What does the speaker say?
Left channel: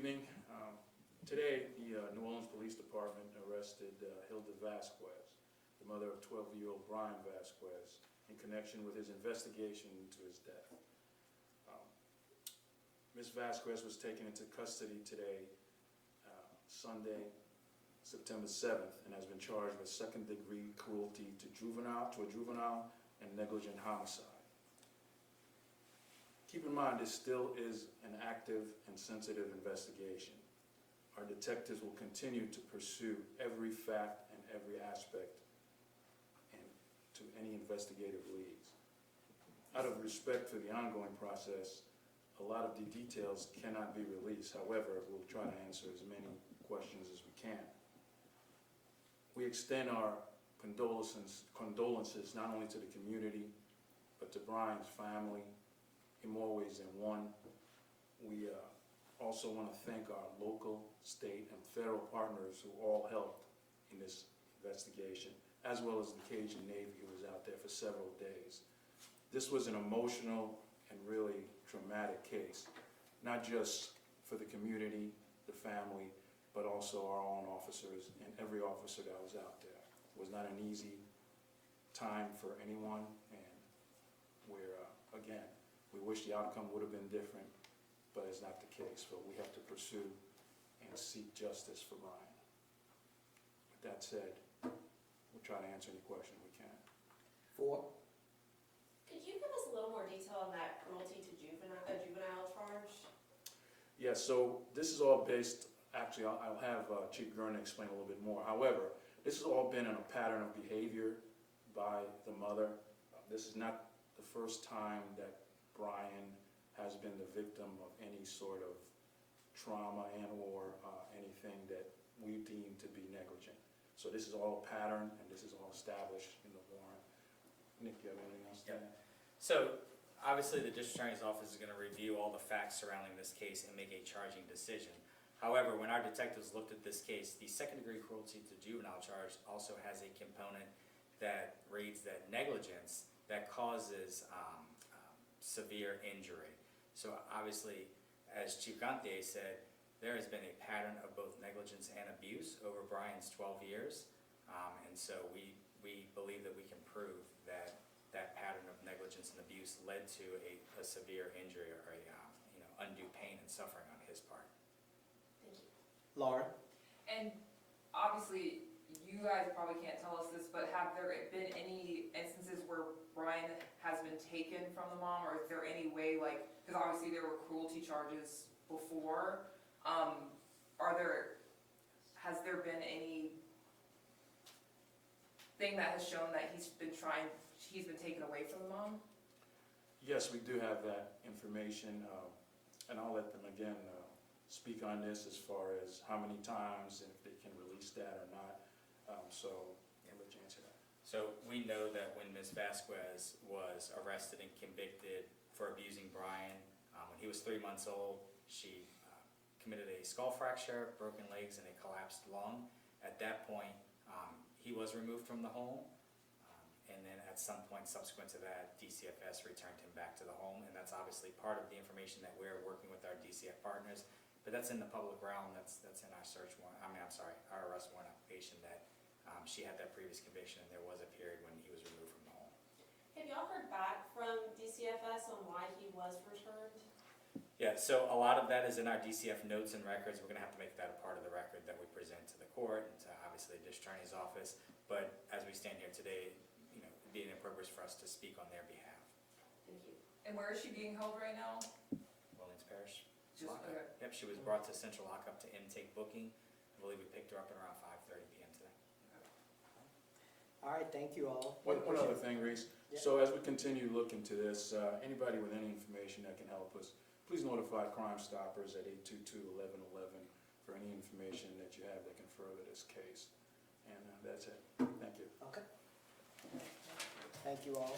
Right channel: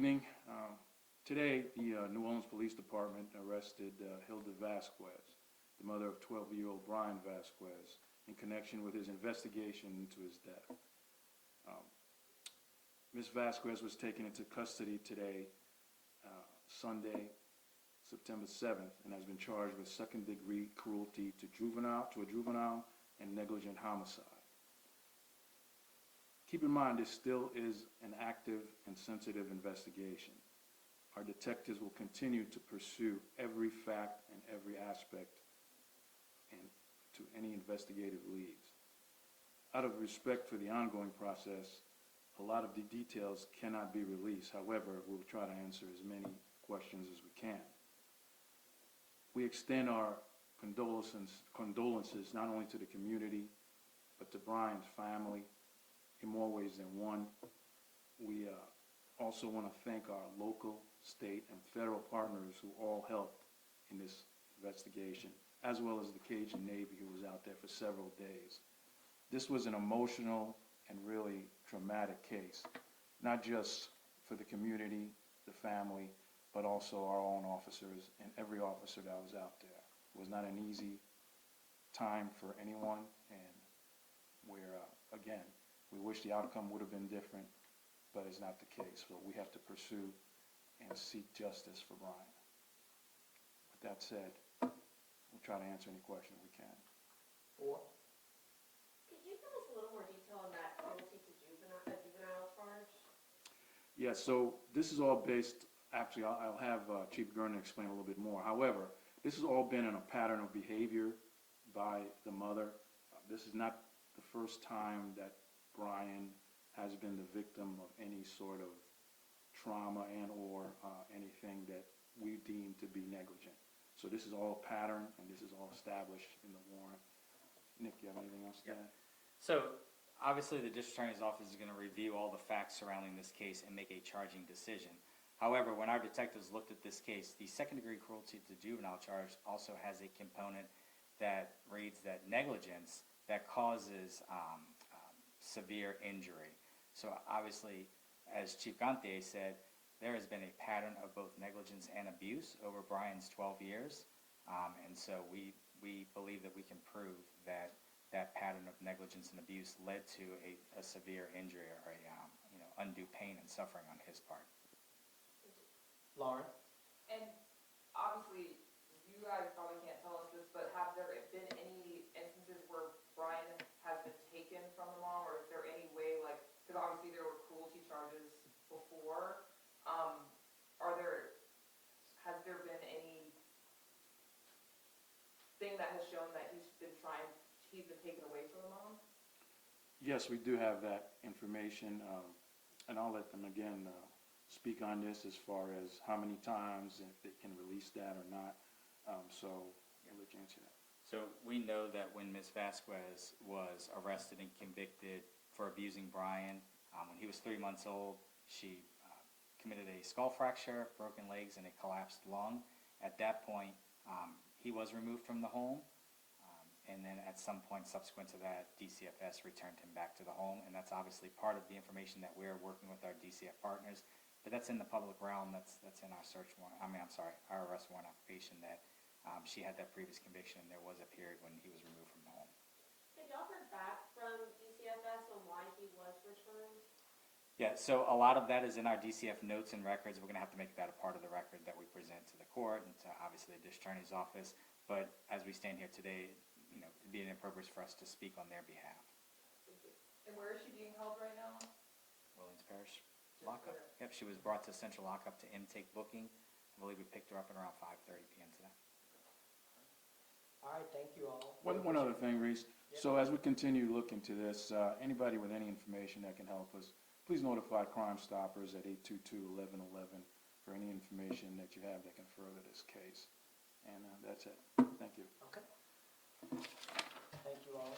evening. Today, the New Orleans Police Department arrested Hilda Vasquez, the mother of 12-year-old Bryan Vasquez, in connection with his investigation into his death. Ms. Vasquez was taken into custody today, Sunday, September 7th, and has been charged with second-degree cruelty to a juvenile and negligent homicide. Keep in mind, this still is an active and sensitive investigation. Our detectives will continue to pursue every fact and every aspect and to any investigative leads. Out of respect for the ongoing process, a lot of the details cannot be released. However, we'll try to answer as many questions as we can. We extend our condolences not only to the community, but to Bryan's family in more ways than one. We also want to thank our local, state, and federal partners who all helped in this investigation, as well as the Cajun Navy, who was out there for several days. This was an emotional and really traumatic case, not just for the community, the family, but also our own officers and every officer that was out there. It was not an easy time for anyone, and we're, again, we wish the outcome would have been different, but it's not the case. But we have to pursue and seek justice for Bryan. With that said, we'll try to answer any question we can. Could you give us a little more detail on that cruelty to juvenile charge? Yeah, so this is all based, actually I'll have Chief Gurner explain a little bit more. However, this has all been in a pattern of behavior by the mother. This is not the first time that Bryan has been the victim of any sort of trauma and or anything that we deem to be negligent. So this is all pattern, and this is all established in the warrant. Nick, you have anything else to add? So obviously the District Attorney's Office is going to review all the facts surrounding this case and make a charging decision. However, when our detectives looked at this case, the second-degree cruelty to juvenile charge also has a component that reads that negligence that causes severe injury. So obviously, as Chief Gantier said, there has been a pattern of both negligence and abuse over Bryan's 12 years. And so we believe that we can prove that that pattern of negligence and abuse led to a severe injury or a undue pain and suffering on his part. Thank you. Lauren? And obviously, you guys probably can't tell us this, but have there been any instances where Bryan has been taken from the mom, or is there any way, like, because obviously there were cruelty charges before, has there been any thing that has shown that he's been taken away from the mom? Yes, we do have that information, and I'll let them again speak on this as far as how many times, if they can release that or not. So I'll let you answer that. So we know that when Ms. Vasquez was arrested and convicted for abusing Bryan, when he was 3 months old, she committed a skull fracture, broken legs, and a collapsed lung. At that point, he was removed from the home, and then at some point subsequent to that, DCFS returned him back to the home, and that's obviously part of the information that we're working with our DCF partners. But that's in the public realm. That's in our search warrant. Our arrest warrant application that she had that previous conviction, and there was a period when he was removed from the home. Have y'all heard back from DCFS on why he was returned? Yeah, so a lot of that is in our DCF notes and records. We're going to have to make that a part of the record that we present to the court and to obviously the District Attorney's Office. But as we stand here today, it'd be inappropriate for us to speak on their behalf. Thank you. And where is she being held right now? Williams Parish. Just Lockup. okay. Yep, she was brought to Central Lockup to intake booking. I believe we picked her up at around 5:30 p.m. today. All right, thank you all. One other thing, Reese. Yeah. So as we continue to look into this, anybody with any information that can help us, please notify Crime Stoppers at 822-1111 for any information that you have that can further this case. And that's it. Thank you. Okay. Thank you all.